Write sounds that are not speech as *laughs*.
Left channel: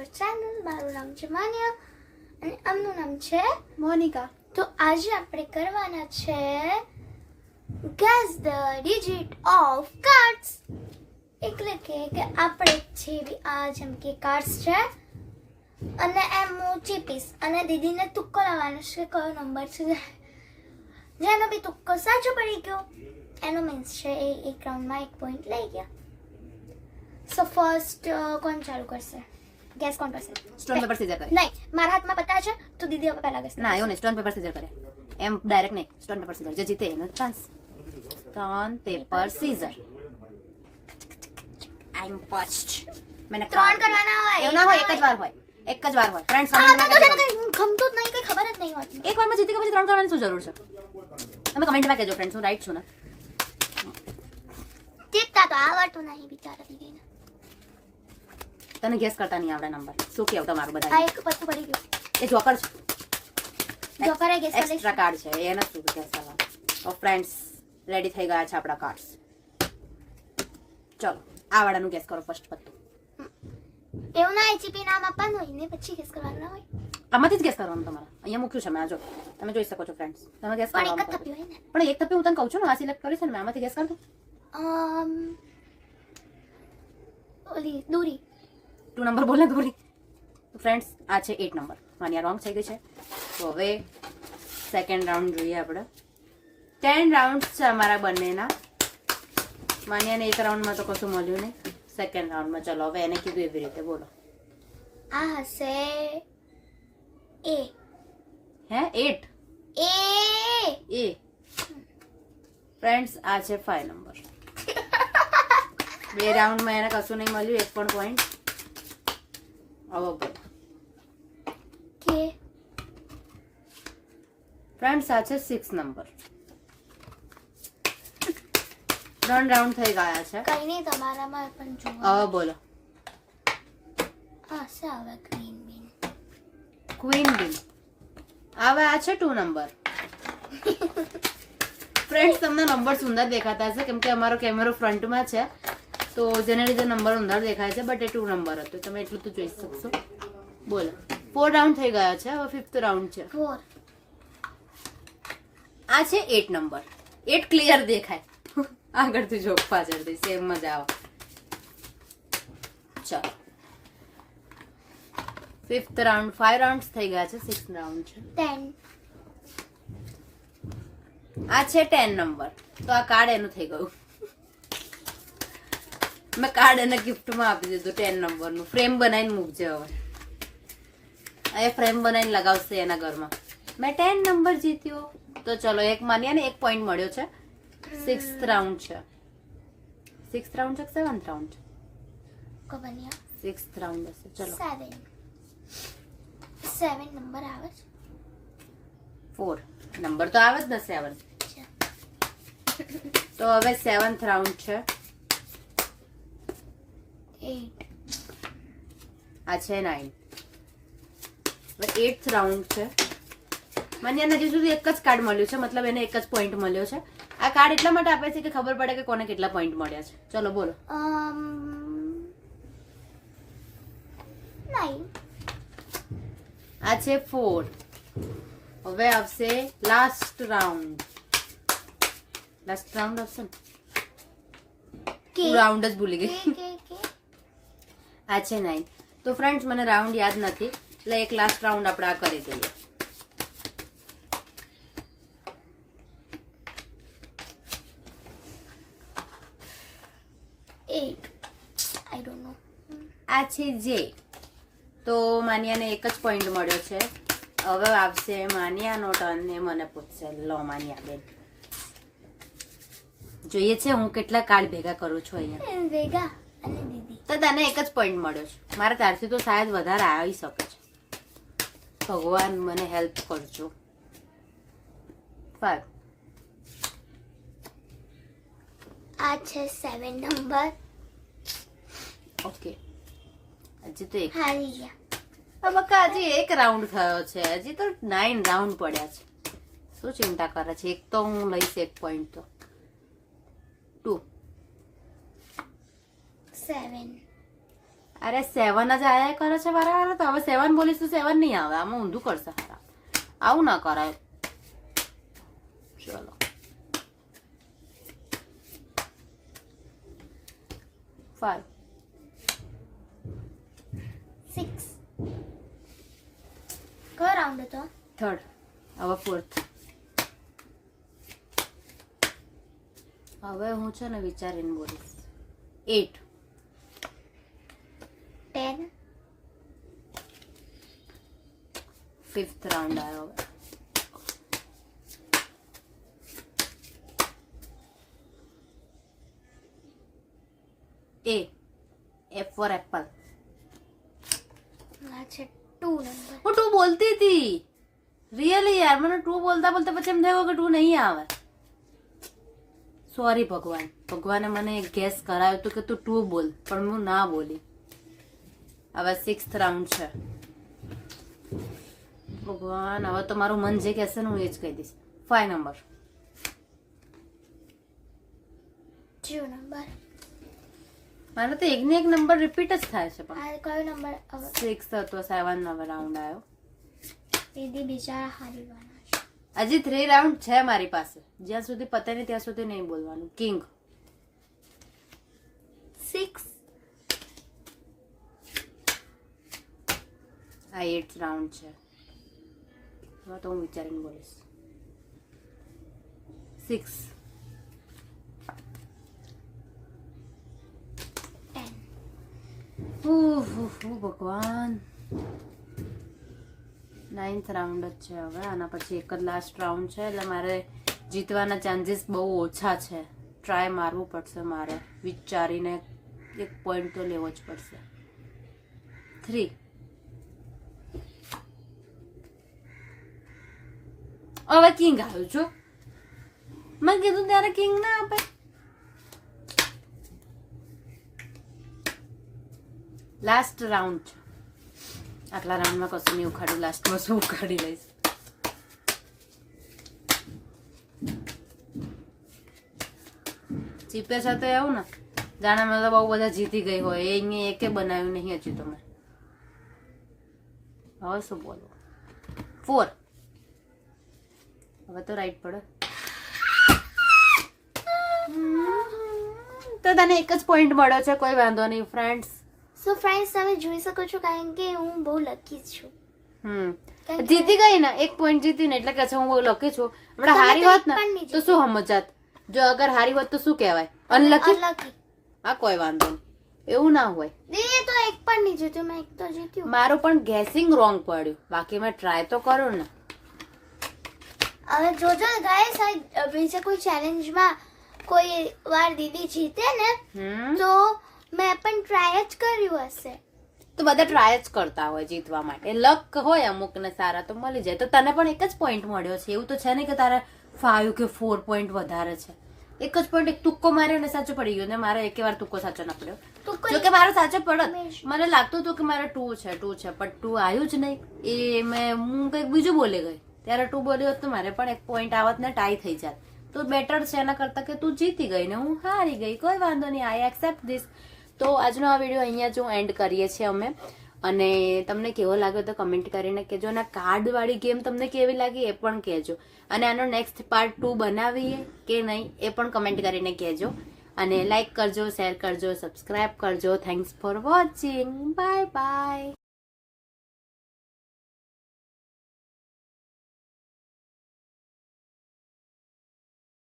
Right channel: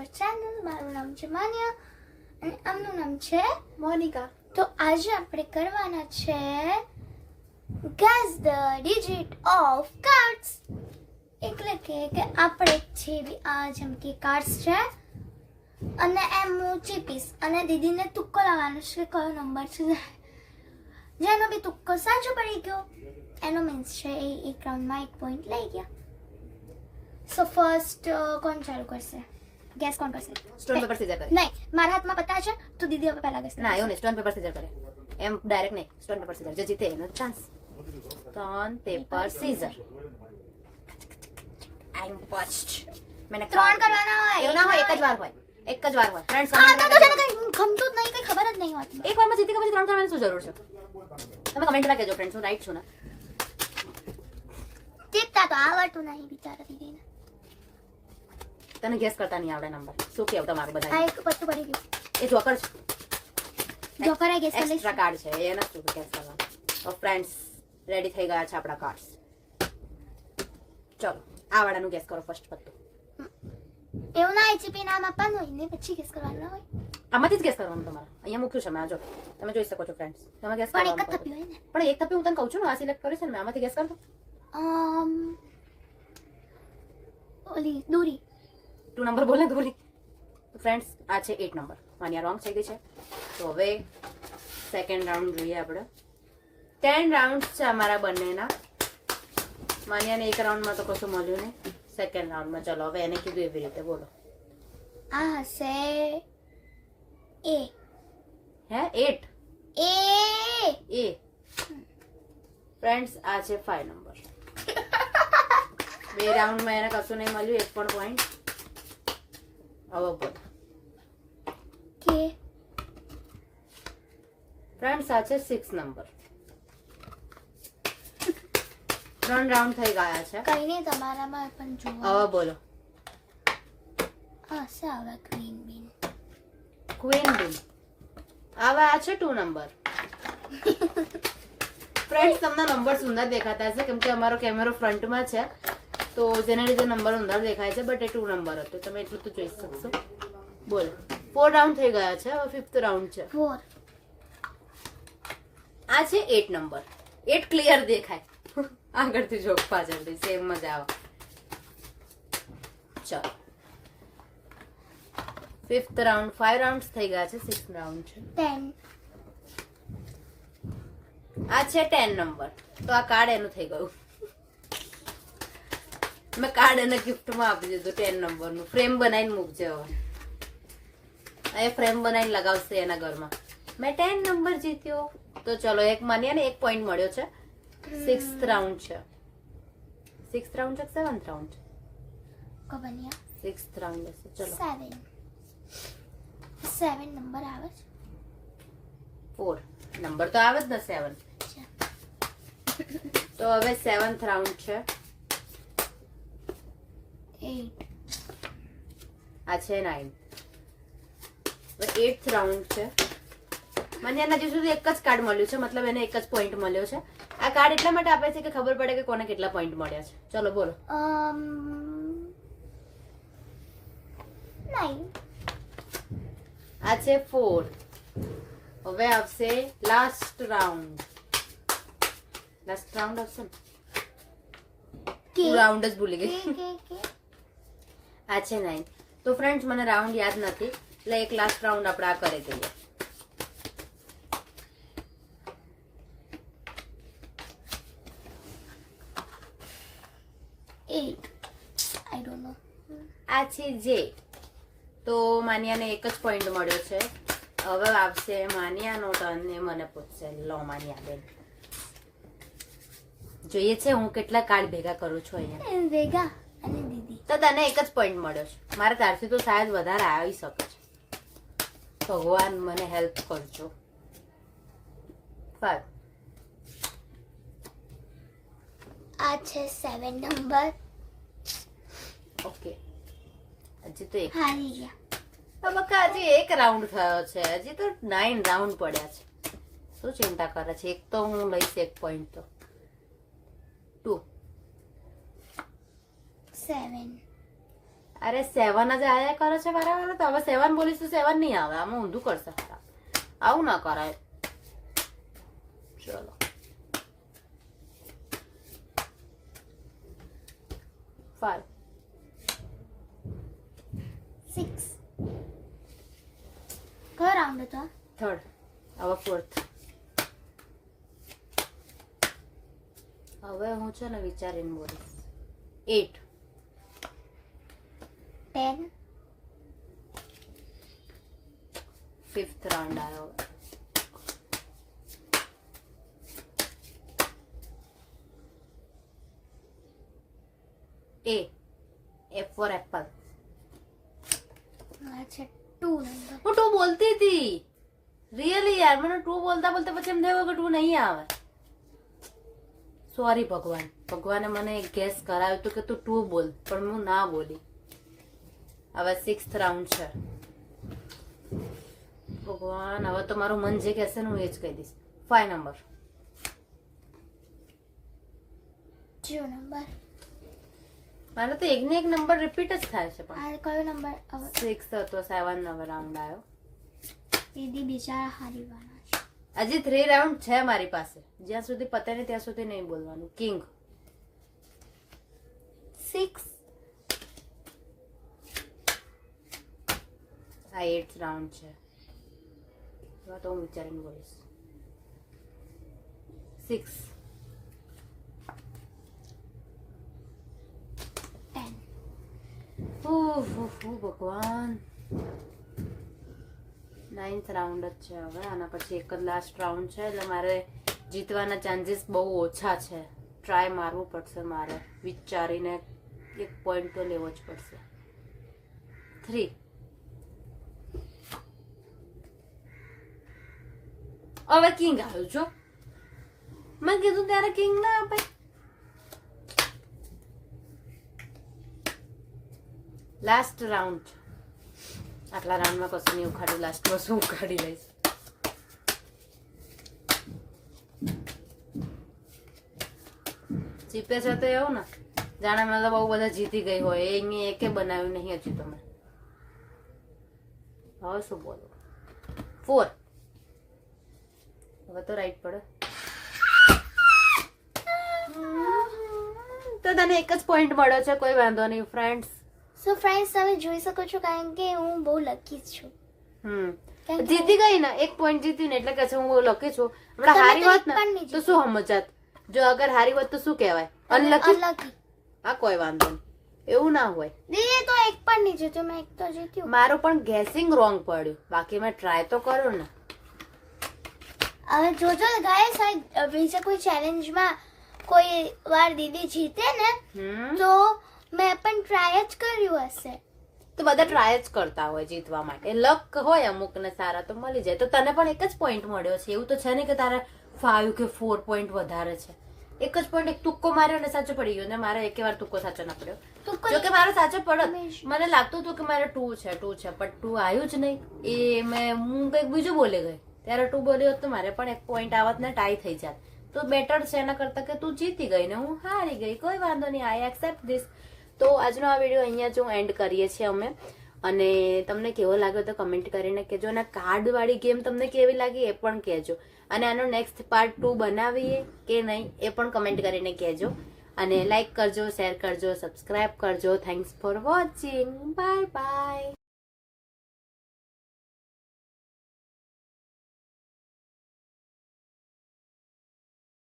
Our channel મારું નામ છે માન્યા અને આમનું નામ છે મોનિકા. તો આજે આપણે કરવાના છે guess the digit of cards એટલે કે કે આપણે જે બી આ જેમ કે કાર્ડ્સ છે અને એમ હું ચીપીશ અને દીદીને તુક્કો લાવવાનો છે કયો નંબર છે? જેનો બી તુક્કો સાચો પડી ગયો એનો મીન્સ છે એ એક રાઉન્ડમાં એક પોઈન્ટ લઈ ગયા. સો ફર્સ્ટ કોણ ચાલુ કરશે? ગેસ કોણ કરશે સ્ટોન પેપર સીઝર કરે નહીં મારા હાથમાં પત્તા છે તો દીદી હવે પહેલા ગેસ ના એવું નહીં સ્ટોન પેપર સીઝર કરે એમ ડાયરેક્ટ નહીં સ્ટોન પેપર સીઝર જે જીતે એનો chance stone paper scissor I am first મેને ત્રણ કરવાના હોય એવું ના હોય એક જ વાર હોય એક જ વાર હોય ફ્રેન્ડ્સ આ તો છે ને કંઈ ગમતું જ નહીં કંઈ ખબર જ નહીં હોતી એક વારમાં જીતી ગયા પછી ત્રણ કરવાની શું જરૂર છે તમે કમેન્ટમાં કહેજો ફ્રેન્ડ્સ હું રાઈટ છું ને જીતતા તો આવડતું નહીં બિચારા દીદીને તને ગેસ કરતા નહીં આવડે નંબર શું કેવું તમારું આ બધા એક પત્તું પડી ગયું. એ જોકર છે. જોકરે ગેસ કરી એક્સ્ટ્રા કાર્ડ છે. એનો શું ગેસ કરવા તો ફ્રેન્ડ્સ રેડી થઈ ગયા છે આપણા કાર્ડ્સ ચલો આ વાળાનું ગેસ કરો ફર્સ્ટ પત્તું. એવું ના એચીપી નામ આપવાનું હોય ને પછી ગેસ કરવાનું ના હોય. આમાંથી જ ગેસ કરવાનું તમારે. અહીંયા મૂક્યું છે મેં આ જો. તમે જોઈ શકો છો ફ્રેન્ડ્સ તમે ગેસ પણ એક થપ્યું હોય ને. પણ એક તપી હું તને કહું છું ને આ સિલેક્ટ કરીશ ને મેં આમાંથી ગેસ કર દો ઓલી દૂરી. ટુ નંબર બોલ તો દોરી ફ્રેન્ડ્સ આ છે એટ નંબર. માન્યા રોંગ થઈ ગઈ છે. તો હવે સેકન્ડ રાઉન્ડ જોઈએ આપણે. ટેન રાઉન્ડ છે અમારા બંનેના. માન્યાને એક રાઉન્ડમાં તો કશું મળ્યું નહીં. સેકન્ડ રાઉન્ડમાં ચલો હવે એને કીધું એવી રીતે. બોલો. આ હશે એ. હે? At A. એ. ફ્રેન્ડ્સ આ છે ફાઈવ નંબર *laughs* બે રાઉન્ડમાં એને કશું નહીં મળ્યું એક પણ પોઈન્ટ બોલો કે? ફ્રેન્ડ્સ આ છે સિક્સ નંબર ત્રણ રાઉન્ડ થઈ ગયા છે. કઈ નહીં તમારામાં પણ જુઓ હવે બોલો. આ હશે આવે ગ્રીન બીન ક્વીન બીન હવે આ છે ટુ નંબર ફ્રેન્ડ્સ તમને નંબર સુંદર દેખાતા હશે કેમ કે અમારો કેમેરો ફ્રન્ટમાં છે. તો જેના લીધે નંબર અંદર દેખાય છે બટ એ ટુ નંબર હતો. તમે એટલું તો જોઈ શકશો. બોલો. ફોર રાઉન્ડ થઈ ગયા છે હવે ફિફ્થ રાઉન્ડ છે. ફોર આ છે એટ નંબર એટ ક્લિયર દેખાય. આગળથી જોક પાછળથી સેમ મજા આવે. ચાલો. ફિફ્થ રાઉન્ડ ફાઈવ રાઉન્ડ થઈ ગયા છે સિક્સ રાઉન્ડ છે. ટેન આ છે ટેન નંબર તો આ કાર્ડ એનું થઈ ગયું. મેં કાર્ડ એને ગિફ્ટમાં આપી દીધું ટેન નંબરનું ફ્રેમ બનાવીને મૂકજે એ ફ્રેમ બનાવીને લગાવશે એના ઘરમાં. મેં ટેન નંબર જીત્યો. તો ચલો એક માન્યા ને એક પોઈન્ટ મળ્યો છે. સિક્સ રાઉન્ડ છે. સિક્સ રાઉન્ડ છે સેવન્થ રાઉન્ડ છે? સિક્સ રાઉન્ડ હશે. ચલો. સેવન સેવન નંબર આવે છે. ફોર નંબર તો આવે જ ને સેવન તો હવે સેવન્થ રાઉન્ડ છે. એટ આ છે નાઇન એટ રાઉન્ડ છે. મને એના હજી સુધી એક જ કાર્ડ મળ્યું છે મતલબ એને એક જ પોઈન્ટ મળ્યો છે. આ કાર્ડ એટલા માટે આપે છે કે ખબર પડે કે કોને કેટલા પોઈન્ટ મળ્યા છે. ચલો બોલો. Um આ છે ફોર હવે આવશે લાસ્ટ રાઉન્ડ લાસ્ટ રાઉન્ડ આવશે રાઉન્ડ જ ભૂલી ગઈ. આ છે નાઇન તો ફ્રેન્ડ્સ મને રાઉન્ડ યાદ નથી. એટલે એક લાસ્ટ રાઉન્ડ આપણે આ કરી દઈએ. એટ આઈ ડોન્ટ નો આ છે જે તો માનિયાને એક જ પોઈન્ટ મળ્યો છે. હવે આવશે માનિયાનો ટર્ન ને મને પૂછશે. લો માનિયા બેન. જોઈએ છે હું કેટલા કાર્ડ ભેગા કરું છું અહીંયા. ભેગા અને તો તને એક જ પોઈન્ટ મળ્યો છે. મારે તારથી તો શાયદ વધારે આવી શકે છે. ભગવાન મને હેલ્પ કરજો. ફાઈવ આ છે સેવન નંબર ઓકે હજી તો એક. હારી ગયા. બકા હજી એક રાઉન્ડ થયો છે. હજી તો નાઇન રાઉન્ડ પડ્યા છે. શું ચિંતા કરે છે? એક તો હું લઈશ એક પોઈન્ટ તો. ટુ સેવન અરે સેવન જ આયા કરે છે બરાબર તો હવે સેવન બોલીશ તો સેવન નહીં આવે. આમાં ઊંધું કરશે આવું ના કરાય. ચલો. ફાઈવ સિક્સ કયો રાઉન્ડ હતો થર્ડ હવે ફોર્થ હવે હું છે ને વિચારીને બોલીશ. એટ ટેન ફિફ્થ રાઉન્ડ આવ્યો હવે. એ એફ ફોર એપલ આ છે ટુ નંબર હું ટુ બોલતી હતી રિયલી યાર મને ટુ બોલતા બોલતા પછી એમ થયું કે ટુ નહીં આવે સોરી ભગવાન ભગવાને મને એક ગેસ કરાવ્યું હતું કે તું ટુ બોલ પણ હું ના બોલી હવે સિક્સ રાઉન્ડ છે. ભગવાન હવે તો મારું મન જે કહેશે હું એ જ કહી દઈશ. ફાઈવ નંબર જીરો નંબર મારે તો એકને એક નંબર રિપીટ જ થાય છે પણ. કયો નંબર સિક્સ હતો સેવન નંબર રાઉન્ડ આવ્યો. દીદી બીજા હારીવાના છે. હજી થ્રી રાઉન્ડ છે મારી પાસે. જ્યાં સુધી પતે ને ત્યાં સુધી નહીં બોલવાનું. કિંગ સિક્સ આ એટ રાઉન્ડ છે હવે તો હું વિચારીને બોલીશ સિક્સ ભગવાન નાઇન્થ રાઉન્ડ જ છે હવે આના પછી એક જ લાસ્ટ રાઉન્ડ છે એટલે મારે જીતવાના ચાન્સીસ બહુ ઓછા છે. ટ્રાય મારવું પડશે મારે. વિચારીને એક પોઈન્ટ તો લેવો જ પડશે. થ્રી હવે કિંગ આવ્યો છો મેં કીધું ત્યારે કિંગ ના આપે. લાસ્ટ રાઉન્ડ આટલા રાઉન્ડમાં કશું નહીં ઉખાડ્યું. લાસ્ટમાં શું ઉખાડી લઈશ? જીપે છે તો એવું ને. જાણે મેં તો બહુ બધા જીતી ગઈ હોય. એ અહીંયા એકે બનાવ્યું નહીં હજુ તમે હવે શું બોલો ફોર હવે તો રાઈટ પડે. તો તને એક જ પોઈન્ટ મળ્યો છે કોઈ વાંધો નહીં ફ્રેન્ડ્સ સો ફ્રેન્ડ્સ તમે જોઈ શકો છો કારણ કે હું બહુ લકી છું. હમ. જીતી ગઈ ને એક પોઈન્ટ જીતી ને એટલે કે છે હું બહુ લકી છું. હમણાં હારી હોત ને તો શું સમજાત? જો અગર હારી હોત તો શું કહેવાય? અનલકી અનલકી હા કોઈ વાંધો નહીં. એવું ના હોય. દીદી તો એક પણ નહીં જીત્યું મેં એક તો જીત્યું. મારો પણ ગેસિંગ રોંગ પડ્યું. બાકી મેં ટ્રાય તો કર્યો ને. હવે જોજો ગાઈસ આ બીજા કોઈ ચેલેન્જમાં કોઈ વાર દીદી જીતે ને તો મેં પણ ટ્રાય જ કર્યું હશે. તો બધા ટ્રાય જ કરતા હોય જીતવા માટે. લક હોય અમુક ને સારા તો મળી જાય. તો તને પણ એક જ પોઈન્ટ મળ્યો છે. એવું તો છે ને કે તારે ફાઈવ કે ફોર પોઈન્ટ વધારે છે. એક જ પોઈન્ટ એક તુક્કો માર્યો ને સાચો પડી ગયો ને મારે એક વાર તુક્કો સાચો ન પડ્યો. તો જો કે મારો સાચો પડત. મને લાગતું હતું કે મારે ટુ છે ટુ છે પણ ટુ આવ્યું જ નહીં. એ મેં હું કંઈક બીજું બોલી ગઈ. ત્યારે ટુ બોલ્યો તો મારે પણ એક પોઈન્ટ આવત ને ટાઈ થઈ જાત. તો બેટર છે એના કરતાં કે તું જીતી ગઈ ને હું હારી ગઈ. કોઈ વાંધો નહીં આઈ એક્સેપ્ટ ધીસ તો આજનો આ વીડિયો અહીંયા જો એન્ડ કરીએ છીએ અમે. અને તમને કેવો લાગ્યો તો કમેન્ટ કરીને કહેજો. અને કાર્ડવાળી ગેમ તમને કેવી લાગી એ પણ કહેજો. અને આનો નેક્સ્ટ પાર્ટ ટુ બનાવીએ કે નહીં એ પણ કમેન્ટ કરીને કહેજો. અને લાઈક કરજો શેર કરજો સબસ્ક્રાઈબ કરજો. Thanks for watching bye bye